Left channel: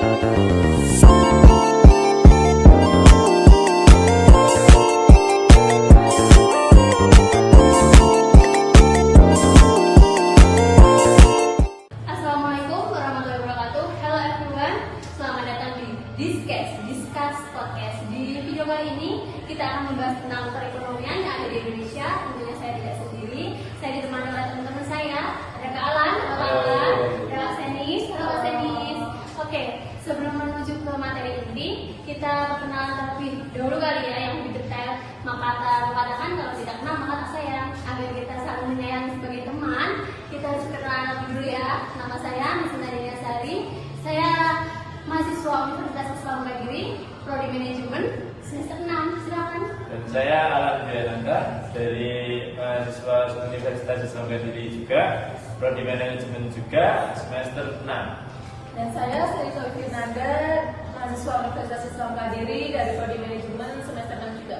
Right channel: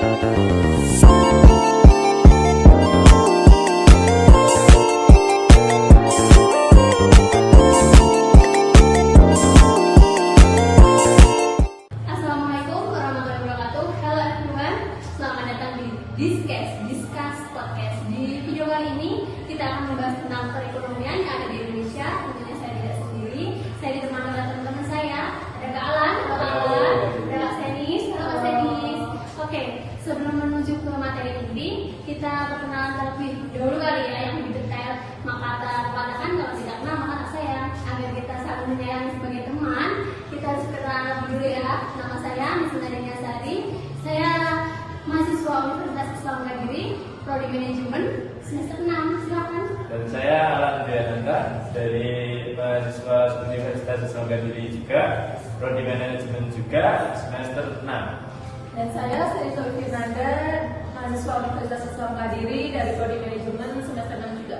Discuss Podcast. Di video kali ini kita akan membahas tentang perekonomian yang ada di Indonesia. Tentunya saya tidak sendiri. Saya ditemani oleh teman-teman saya. Ada Kak Alan, ada Kak Senis, Oke, sebelum menuju ke materi inti, kita perkenalan terlebih dahulu kali ya yang lebih detail. Maka katakan kalau tidak kenal maka tak sayang. Agar kita saling menyayangi sebagai teman, kita harus kenalan dulu ya. Nama saya Misnaria Sari. Saya mahasiswa Universitas Islam Kediri, Prodi Manajemen semester 6. Silakan. Dan saya Alan Diananta dari mahasiswa Universitas Islam Kediri juga, Prodi Manajemen juga semester 6. Dan saya Sarita Firnanda, mahasiswa Universitas Islam Kediri dari Prodi Manajemen semester 6 juga.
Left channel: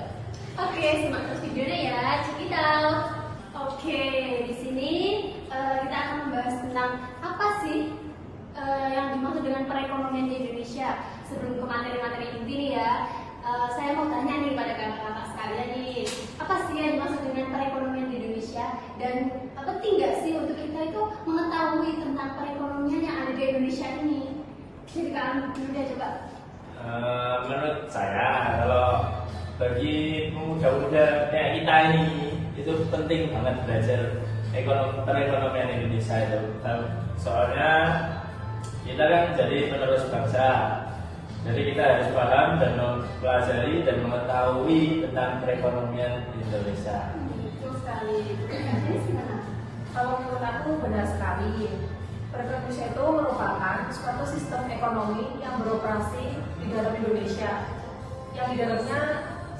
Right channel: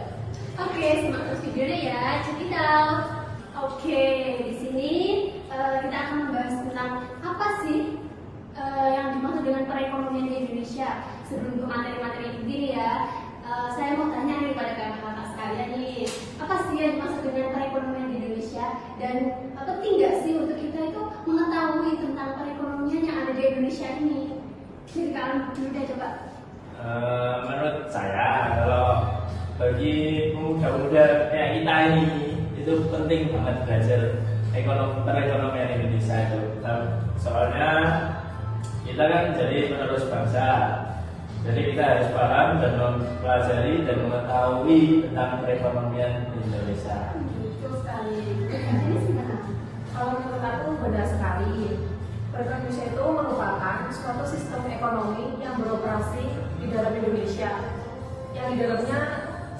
Oke, simak terus videonya ya. Check it out. Oke, di sini kita akan membahas tentang apa sih yang dimaksud dengan perekonomian di Indonesia. Sebelum ke materi-materi inti ya, saya mau tanya nih pada kakak-kakak sekalian nih, apa sih yang dimaksud dengan perekonomian di Indonesia, dan penting nggak sih untuk kita itu mengetahui tentang perekonomian yang ada di Indonesia ini? Jadi kalian dulu coba. Menurut saya, kalau bagi pemuda-pemuda kayak kita ini, itu penting banget belajar perekonomian Indonesia itu. Soalnya kita kan jadi penerus bangsa, jadi kita harus paham dan mempelajari dan mengetahui tentang perekonomian Indonesia. Betul sekali. Kalau menurut aku benar sekali, perekonomian Indonesia itu merupakan suatu sistem ekonomi yang beroperasi di dalam Indonesia, yang di dalamnya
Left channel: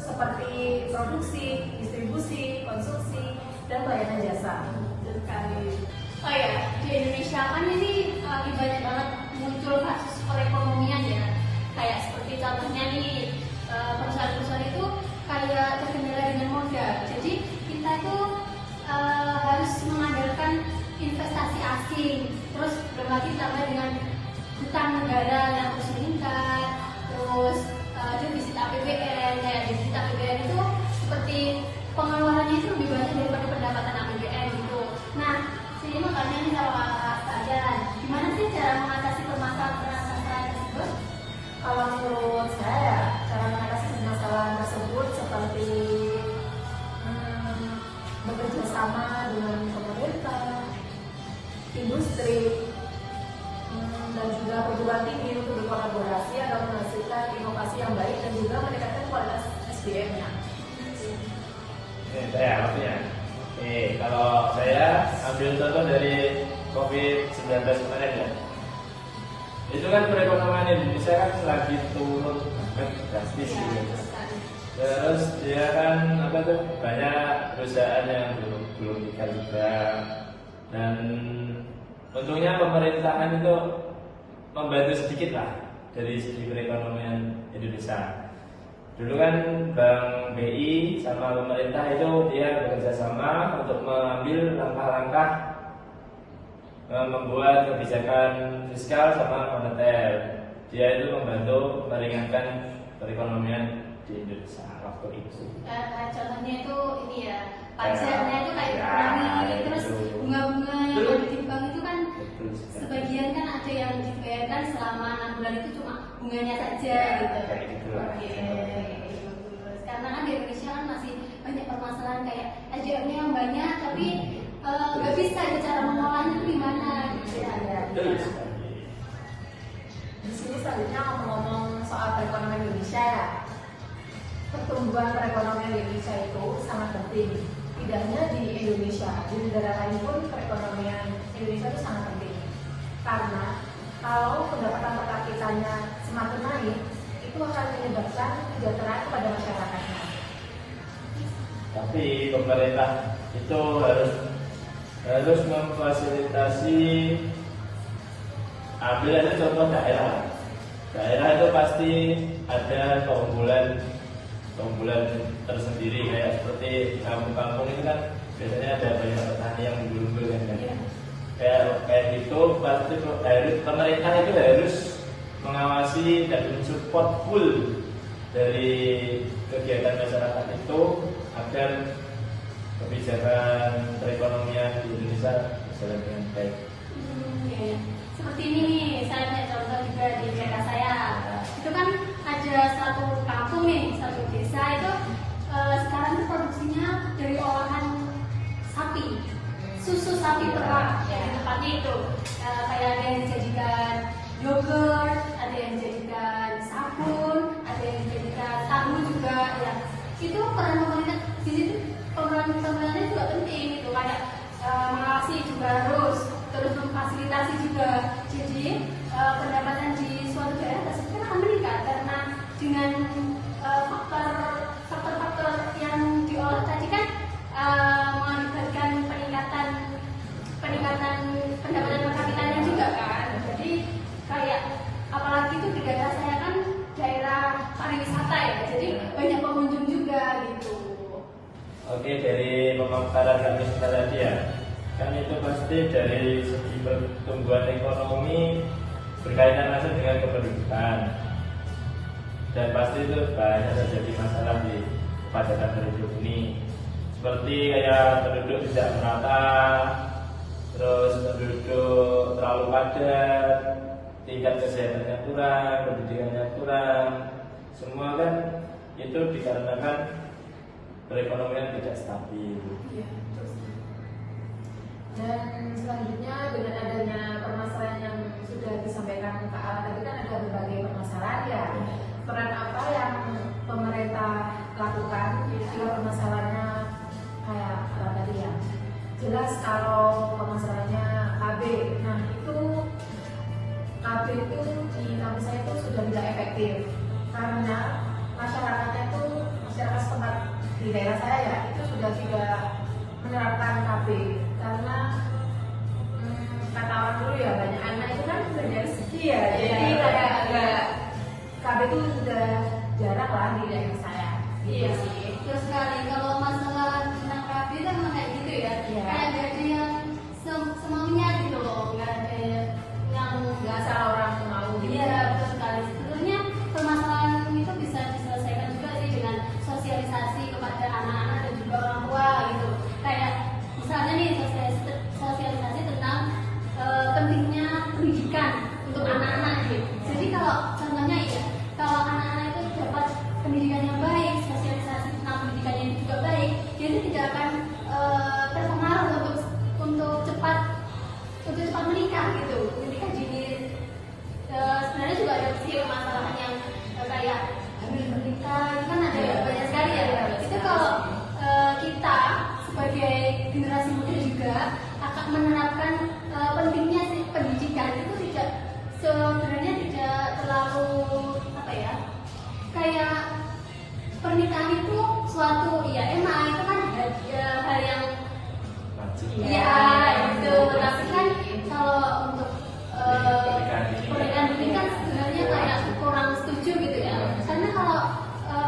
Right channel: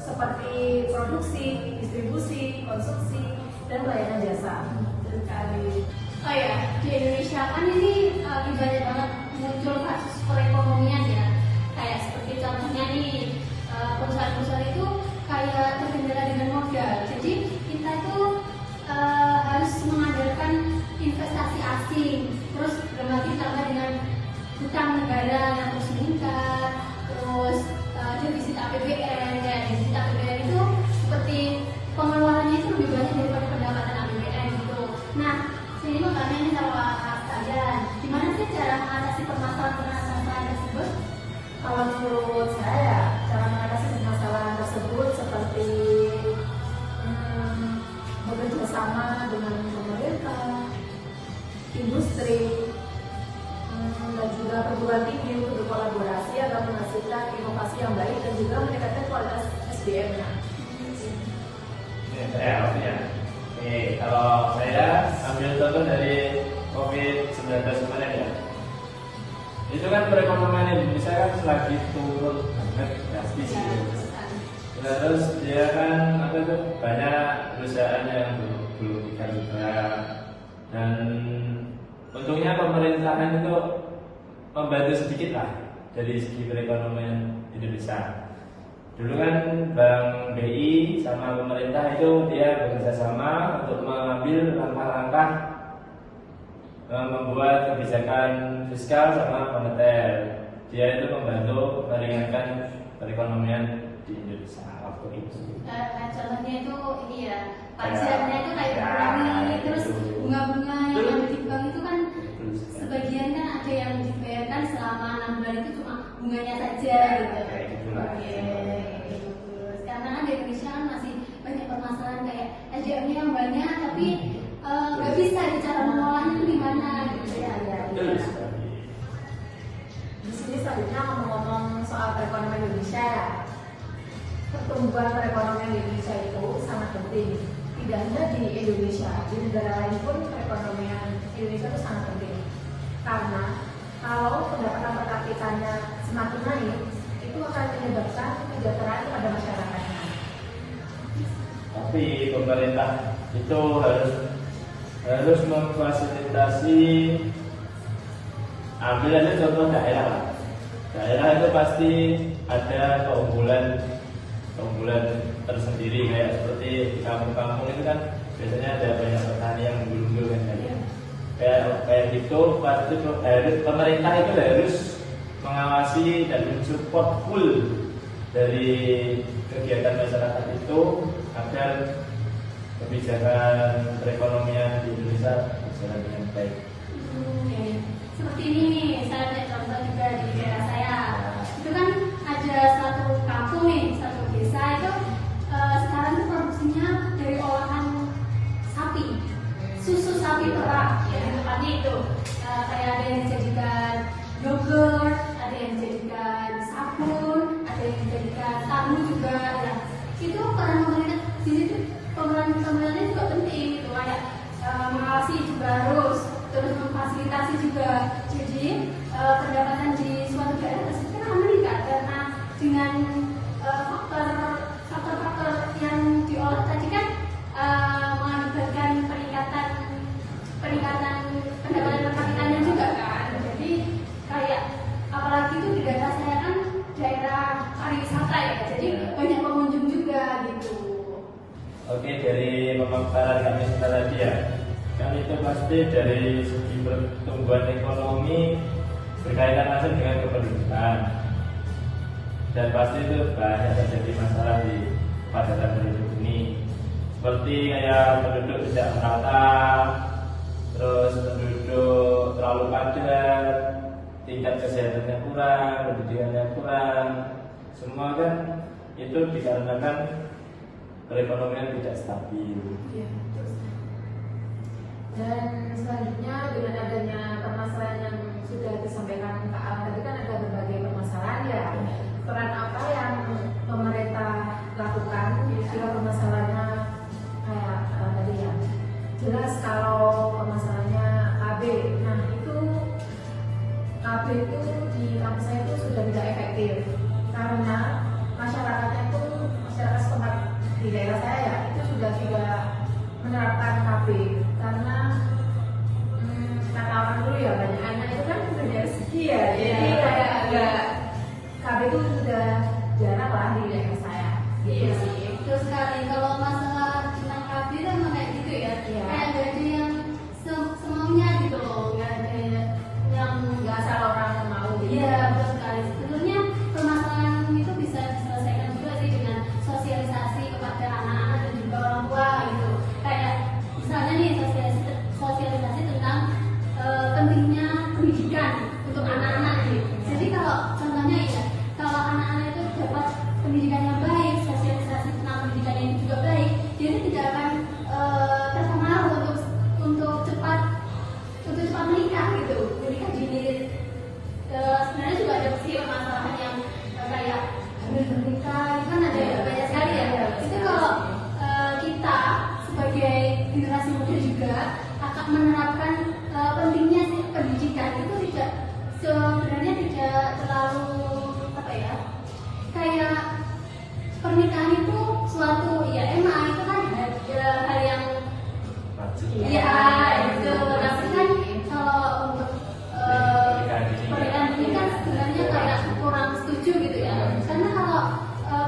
seperti produksi, distribusi, konsumsi, dan pelayanan jasa. Betul sekali. Oh ya, di Indonesia kan ini banyak banget muncul kasus perekonomian ya. Kayak seperti contohnya nih, perusahaan-perusahaan itu kayak terkendala dengan modal. Jadi kita itu harus mengandalkan investasi asing. Terus berarti tambah dengan hutang negara yang terus meningkat. Terus defisit APBN, defisit APBN itu seperti pengeluarannya itu lebih banyak daripada pendapatan APBN gitu. Nah, ini mau tanya nih kalau kalian, gimana sih cara mengatasi permasalahan tersebut? Kalau menurut saya, cara mengatasi permasalahan tersebut seperti bekerja sama dengan pemerintah, industri, dan juga perguruan tinggi untuk berkolaborasi agar menghasilkan inovasi yang baik dan juga meningkatkan kualitas SDM-nya. Ini saya awalnya. Kalau saya ambil contoh dari COVID-19 kemarin ya, itu kan perekonomian Indonesia kan lagi turun banget drastis. Terus dia kan banyak perusahaan yang belum nikah juga, dan untungnya pemerintahan itu membantu sedikit lah dari segi perekonomian Indonesia. Dulu kan Bank BI sama pemerintah itu dia bekerja sama untuk mengambil langkah-langkah membuat kebijakan fiskal sama moneter. Dia itu membantu meringankan perekonomian di Indonesia waktu itu. Contohnya itu ini ya, pajaknya itu kayak dikurangi, terus bunga-bunga yang ada di bank itu kan sebagian kan ada yang dibayarkan selama 6 bulan itu cuma bunganya saja gitu. Karena kan di Indonesia kan masih banyak permasalahan kayak SDM-nya yang banyak tapi nggak bisa cara mengolahnya itu gimana gitu ya. Di sini selanjutnya ngomong-ngomong soal perekonomian Indonesia ya. Pertumbuhan perekonomian Indonesia itu sangat penting. Tidak hanya di Indonesia, di negara lain pun perekonomian Indonesia itu sangat penting. Karena kalau pendapatan per kapitanya semakin naik, itu akan menyebabkan kesejahteraan kepada masyarakatnya. Tapi pemerintah itu harus memfasilitasi. Ambil aja contoh daerah lah. Daerah itu pasti ada keunggulan tersendiri, kayak seperti di kampung-kampung itu kan biasanya ada banyak petani yang unggul-unggul kan. Kayak gitu, pasti pemerintah itu harus mengawasi dan mensupport full dari kegiatan masyarakat itu agar kebijakan perekonomian di Indonesia berjalan dengan baik. Ya. Seperti ini, saya punya contoh juga di daerah saya. Itu kan ada satu kampung nih, satu desa itu sekarang itu produksinya dari olahan sapi, susu sapi tepak, ya tepatnya itu kayak ada yang dijadikan yogurt, ada yang dijadikan sabun, ada yang dijadikan tahu juga. Ya itu peran pemerintah di situ, pemerintahnya juga penting gitu, kayak mengawasi juga harus, terus memfasilitasi juga. Jadi pendapatan di suatu daerah tersebut kan akan meningkat karena dengan faktor-faktor yang diolah tadi kan mengakibatkan peningkatan pendapatan per kapitanya juga kan. Jadi kayak apalagi itu di daerah saya kan daerah pariwisata ya, jadi banyak pengunjung juga gitu. Oke, dari pemaparan kami tadi ya, kan itu pasti dari segi pertumbuhan ekonomi berkaitan langsung dengan kependudukan, dan pasti itu banyak terjadi masalah di padatang penduduk ini, seperti kayak penduduk tidak merata, terus penduduk terlalu padat, tingkat kesehatannya kurang, pendidikannya kurang, semua kan itu dikarenakan perekonomian tidak stabil. Ya, betul. Dan selanjutnya dengan adanya permasalahan yang sudah disampaikan Kak Al tadi kan ada berbagai permasalahan ya. Peran apa yang pemerintah lakukan jika permasalahannya kayak tadi ya? Jelas kalau permasalahannya KB, nah itu KB itu di kampus saya itu sudah tidak efektif karena masyarakatnya itu masyarakat setempat di daerah saya ya itu sudah tidak menerapkan KB karena kata orang dulu ya banyak anak itu kan sudah dari rezeki ya, jadi kayak enggak KB itu sudah jarang lah di daerah saya. Iya sih. Terus sekali kalau masalah tentang KB itu emang kayak gitu ya. Iya. Kayak nggak ada yang semuanya gitu loh, nggak ada yang Nggak asal orang mau gitu. Iya, betul sekali. Sebenarnya permasalahan itu bisa diselesaikan juga sih dengan sosialisasi kepada anak-anak dan juga orang tua gitu. Kayak misalnya nih sosialisasi tentang pentingnya pendidikan untuk anak-anak gitu. Jadi kalau contohnya ya, kalau anak-anak itu dapat pendidikan yang baik, sosialisasi tentang pendidikan yang juga baik, dia itu tidak akan terpengaruh untuk cepat menikah gitu. Menikah dini. Sebenarnya juga ada sih permasalahan yang kayak menikah kan ada banyak sekali ya. Itu kalau kita sebagai generasi muda juga akan menerapkan pentingnya pendidikan itu tidak sebenarnya tidak terlalu apa ya, kayak pernikahan itu suatu ya emang itu kan hal yang iya itu, tapi kan kalau untuk pernikahan dini kan sebenarnya kayak kurang setuju gitu ya, karena kalau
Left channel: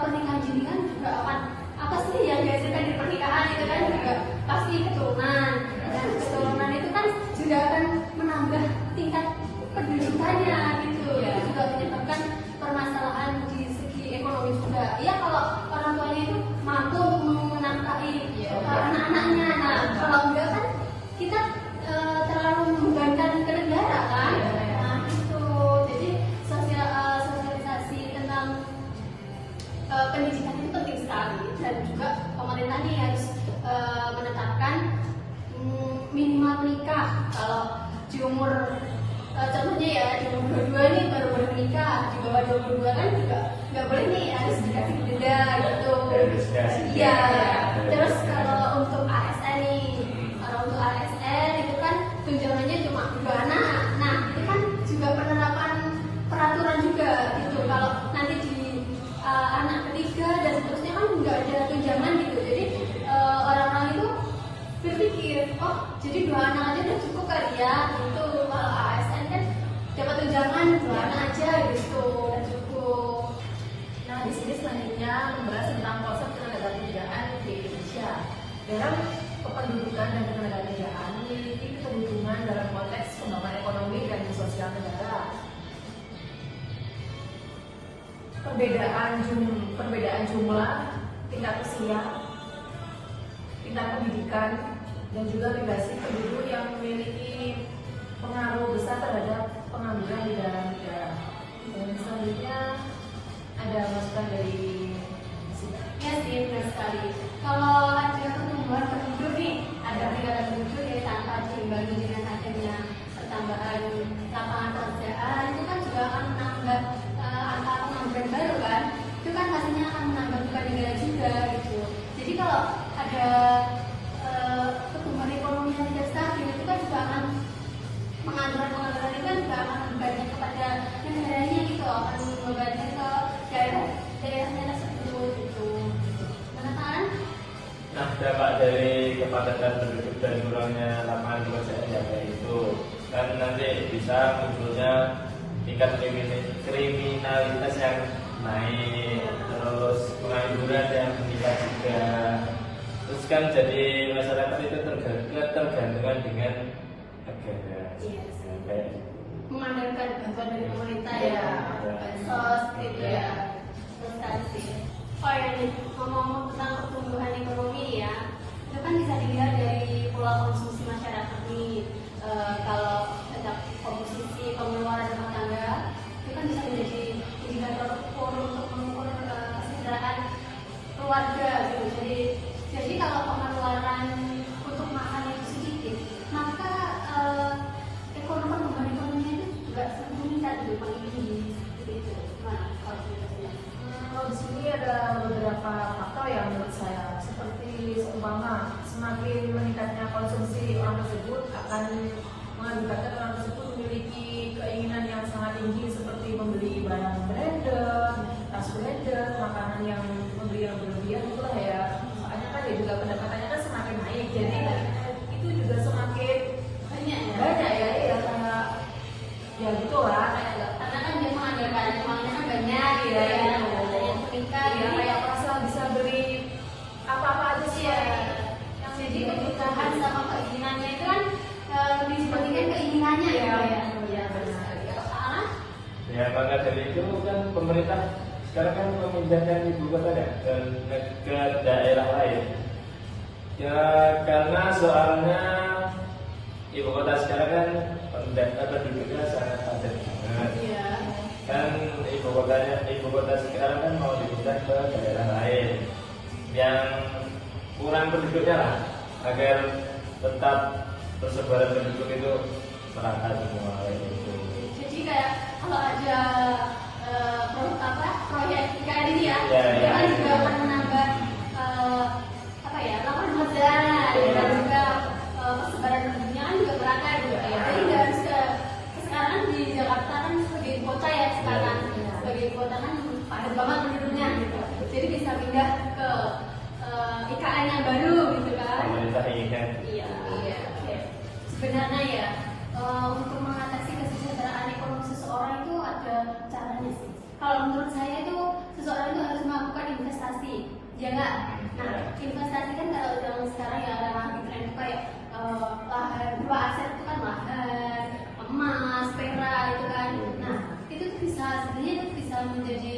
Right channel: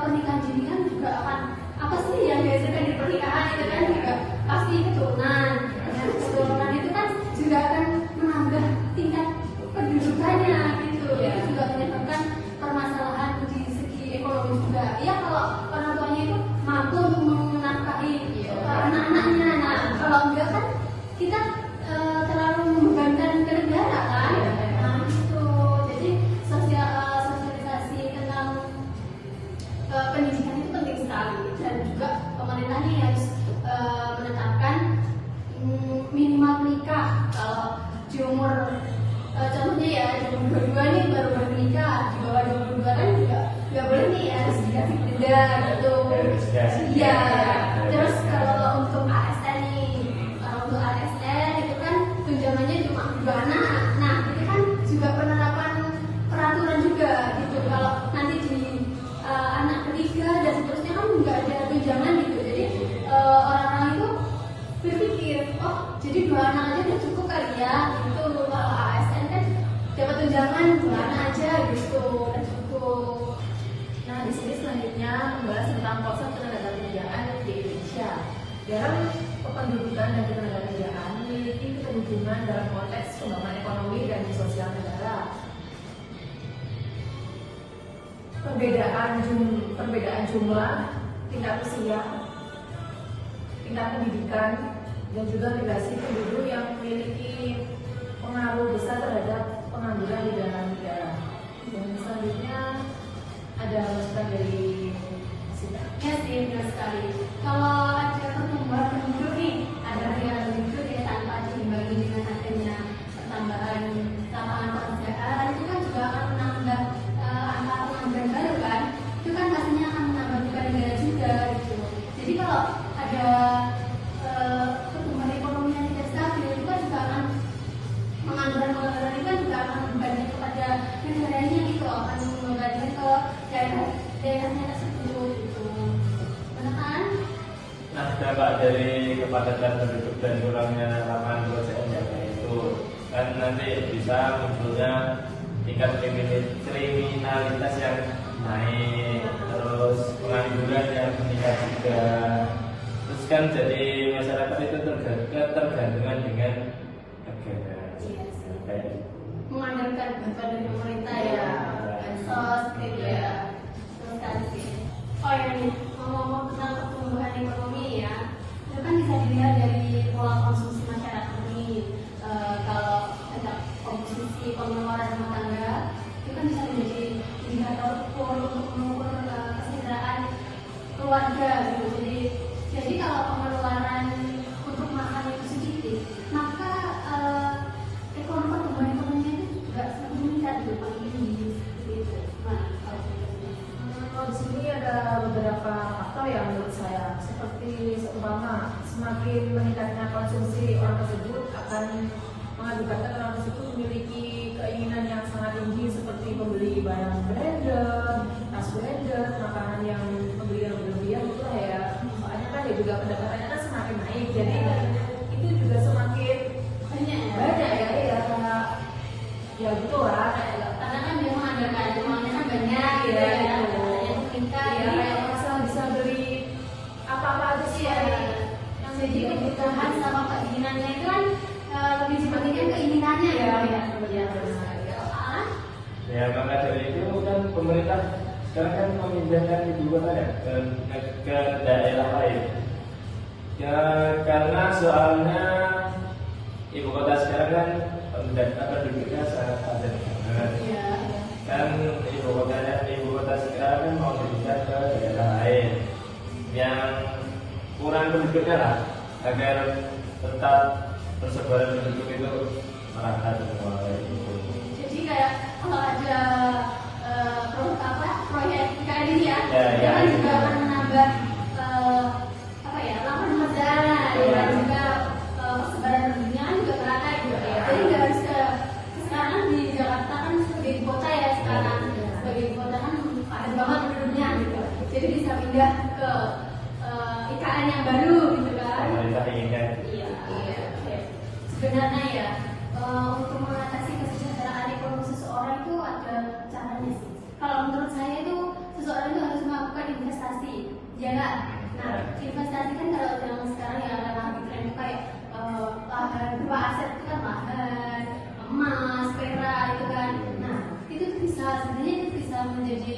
pernikahan dini kan juga akan apa sih yang dihasilkan di pernikahan itu kan juga pasti keturunan, dan keturunan itu kan juga akan menambah tingkat pendidikannya gitu. Itu juga menyebabkan permasalahan di segi ekonomi juga. Ya kalau orang tuanya itu mampu menafkahi anak-anaknya, nah kalau enggak kan kita terlalu membebankan ke negara kan. Nah itu jadi sosialisasi tentang pendidikan itu penting sekali, dan juga pemerintahnya harus menetapkan minimal menikah kalau di umur contohnya ya di umur 22 ini baru menikah, di bawah 22 kan juga nggak boleh nih, harus dikasih denda gitu. Iya. Terus kalau untuk ASN nih, kalau untuk ASN itu kan tunjangannya cuma 2 anak. Nah itu kan juga penerapan peraturan juga gitu. Kalau nanti di anak ketiga dan seterusnya kan nggak ada tunjangan gitu. Jadi orang-orang itu berpikir, oh jadi 2 anak aja udah cukup kali ya gitu. Kalau ASN kan dapat tunjangan 2 anak aja gitu, udah cukup. Nah, di sini selanjutnya membahas tentang konsep ketenagakerjaan di Indonesia. Dalam kependudukan dan ketenagakerjaan memiliki keterhubungan dalam konteks pembangunan ekonomi dan sosial negara. perbedaan jumlah, tingkat usia, tingkat pendidikan, dan juga migrasi penduduk yang memiliki pengaruh besar terhadap pengangguran di dalam negara. Dan selanjutnya ada masukan dari Sita. Ya sih, benar sekali. Kalau ada pertumbuhan penduduk nih, ada pertumbuhan penduduk yang tanpa diimbangi dengan adanya pertambahan lapangan pekerjaan, itu kan juga akan menambah angka pengangguran baru kan. Itu kan pastinya akan menambah beban negara juga gitu. Jadi kalau ada pertumbuhan ekonomi yang tidak stabil, itu kan juga akan pengangguran itu kan juga akan berbagi kepada negaranya gitu, akan membebankan ke daerahnya tersebut gitu. Benar kan? Nah, dampak dari kepadatan penduduk dan kurangnya lapangan pekerjaan yang kayak itu kan nanti bisa munculnya tingkat kriminalitas yang naik, terus pengangguran yang meningkat juga. Terus kan jadi masyarakat itu tergantungan dengan negara. Yes. Kayak gitu. Mengandalkan bantuan dari pemerintah ya, bansos gitu ya. Terus tadi, oh ya nih, ngomong tentang pertumbuhan ekonomi ya, itu kan bisa dilihat dari pola konsumsi masyarakat nih. Kalau tentang konsumsi pengeluaran rumah tangga, itu kan bisa menjadi indikator untuk mengukur kesejahteraan keluarga gitu. Jadi kalau pengeluaran untuk makan itu sedikit, maka ekonomi itu juga semakin meningkat gitu, paling tinggi gitu. Nah, Kalau di sini ada beberapa faktor yang menurut saya, seperti seumpama semakin meningkatnya konsumsi orang tersebut akan mengakibatkan orang tersebut memiliki keinginan yang sangat tinggi seperti membeli barang branded, tas branded, makanan yang membeli yang berlebihan itulah ya. Soalnya kan ya juga pendapatannya kan semakin naik, jadi itu juga semakin banyak ya karena ya gitu lah. karena kan dia mengandalkan uangnya kan banyak gitu ya, yang meningkat Ya kayak merasa bisa beli apa-apa aja sih ya. yang jadi kebutuhan sama keinginannya itu kan lebih dipentingkan keinginannya ya. Ah, Ya maka dari itu kan pemerintah sekarang kan memindahkan ibu kota ya ke daerah lain. Ya karena soalnya ibu kota sekarang kan penduduknya sangat padat banget. iya. Kan ibu kota sekarang kan mau dipindah ke daerah lain yang kurang penduduknya lah agar tetap persebaran penduduk itu merata semua kayak gitu. Jadi kayak kalau ada proyek kayak ini ya, Ya, kan juga akan menambah lapangan pekerjaan dan juga persebaran penduduknya kan juga merata gitu ya. Jadi nggak harus sekarang di Jakarta kan sebagai kota ya sekarang sebagai kota kan padat banget penduduknya gitu. Jadi bisa pindah ke IKN yang baru gitu kan. Pemerintah inginkan. Iya. Oke. Sebenarnya ya untuk mengatasi kesejahteraan ekonomi seseorang itu ada caranya sih. Kalau menurut saya itu seseorang itu harus melakukan investasi, ya nggak? Nah, investasi kan kalau yang sekarang yang ramah tren itu kayak lahan berupa aset itu kan lahan, emas, perak itu kan. Nah, itu bisa sebenarnya itu bisa menjadi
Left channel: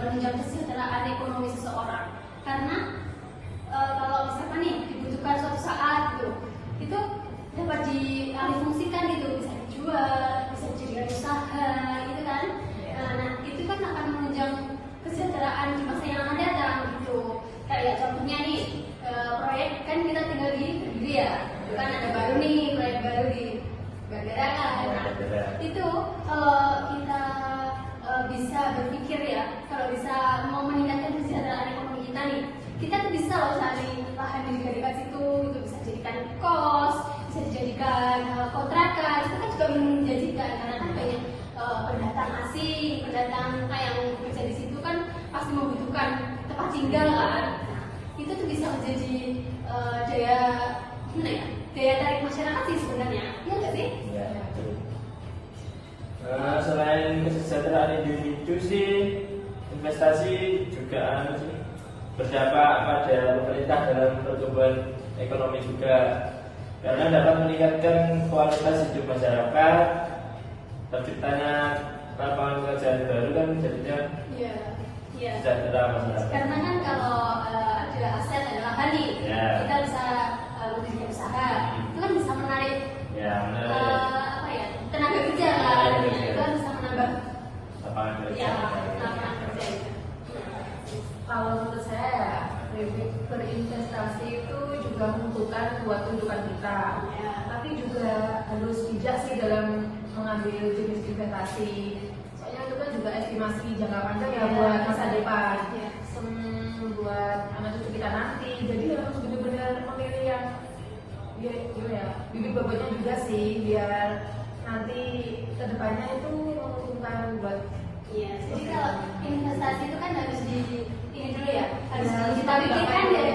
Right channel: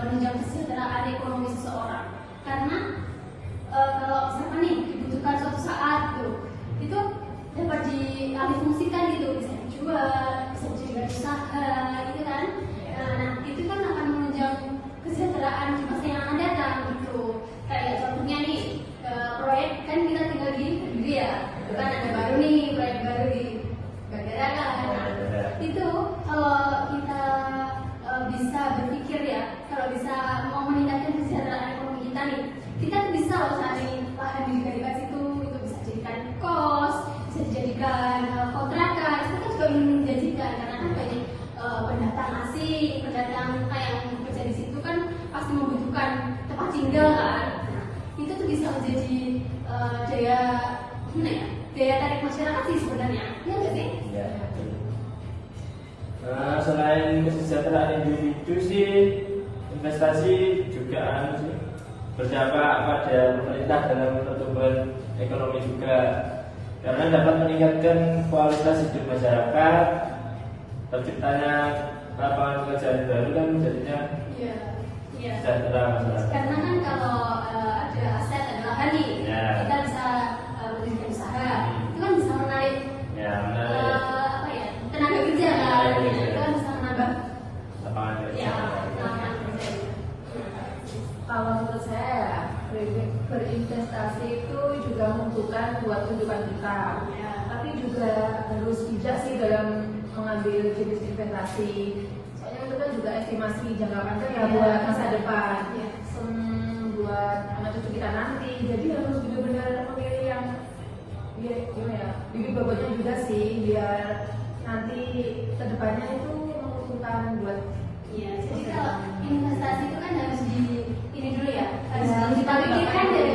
menunjang kesejahteraan ekonomi seseorang. Karena kalau siapa nih dibutuhkan suatu saat tuh, itu dapat dialihfungsikan gitu, bisa dijual, bisa dijadikan usaha, gitu kan. Nah, itu kan akan menunjang kesejahteraan di masa yang akan datang gitu. Kayak contohnya nih, proyek kan kita tinggal di negeri ya, kan ada baru nih proyek baru di Bagara kan. Nah, itu kalau kita bisa berpikir ya, kalau bisa mau meningkatkan kesejahteraan ekonomi kita nih, kita bisa loh cari lahan di dekat situ, itu bisa jadikan kos, bisa dijadikan kontrakan, itu kan juga menjanjikan karena kan banyak pendatang asing, pendatang yang bekerja di situ kan pasti membutuhkan tempat tinggal kan. Itu tuh bisa menjadi daya tarik masyarakat sih sebenarnya, ya nggak sih? Ya. Selain kesejahteraan individu sih, investasi juga berdampak pada pemerintah dalam pertumbuhan ekonomi juga, karena dapat meningkatkan kualitas hidup masyarakat, terciptanya lapangan pekerjaan baru kan jadinya Iya. Iya. sejahtera masyarakat. Karena kan kalau ada aset adalah hari, Ya. kita bisa membuka usaha, itu kan bisa menarik Ya, menarik apa ya, tenaga kerja kan, Tenaga ya, kerja. itu kan bisa menambah lapangan kerja. ya lapangan kerja. Kalau menurut saya ya, berinvestasi itu juga menentukan buat kehidupan kita. Ya. Tapi juga harus bijak sih dalam mengambil jenis investasi. Soalnya itu kan juga estimasi jangka panjang ya buat masa depan. Ya. Buat anak cucu kita nanti. Jadi harus benar-benar memilih yang ya, gimana ya, bibit bobotnya juga sih biar nanti kedepannya itu menguntungkan buat Iya, jadi kalau investasi itu kan harus ini dulu ya, harus kita pikirkan dari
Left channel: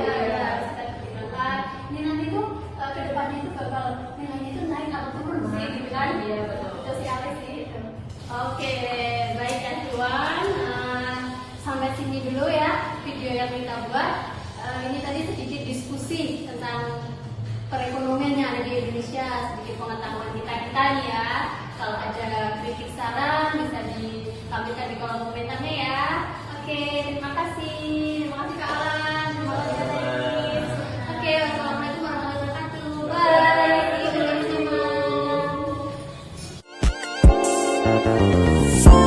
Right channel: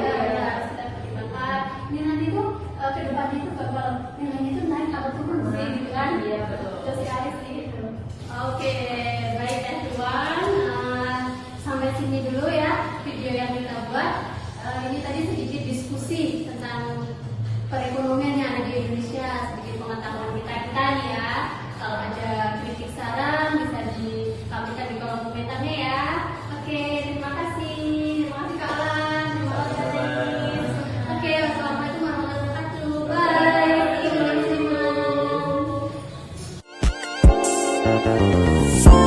ini nanti tuh ke depannya itu bakal nilainya itu naik atau turun sih, gitu kan? Iya, betul. Terus ya sih. Oke, baik everyone, sampai sini dulu ya video yang kita buat. Ini tadi sedikit diskusi tentang perekonomian yang ada di Indonesia, sedikit pengetahuan kita nih ya. Kalau ada kritik saran bisa disampaikan di kolom komentarnya ya. Oke, terima kasih. Terima kasih Kak Alan. Terima kasih Kak Dennis. Oke, wassalamualaikum warahmatullahi wabarakatuh. Bye. See you next time.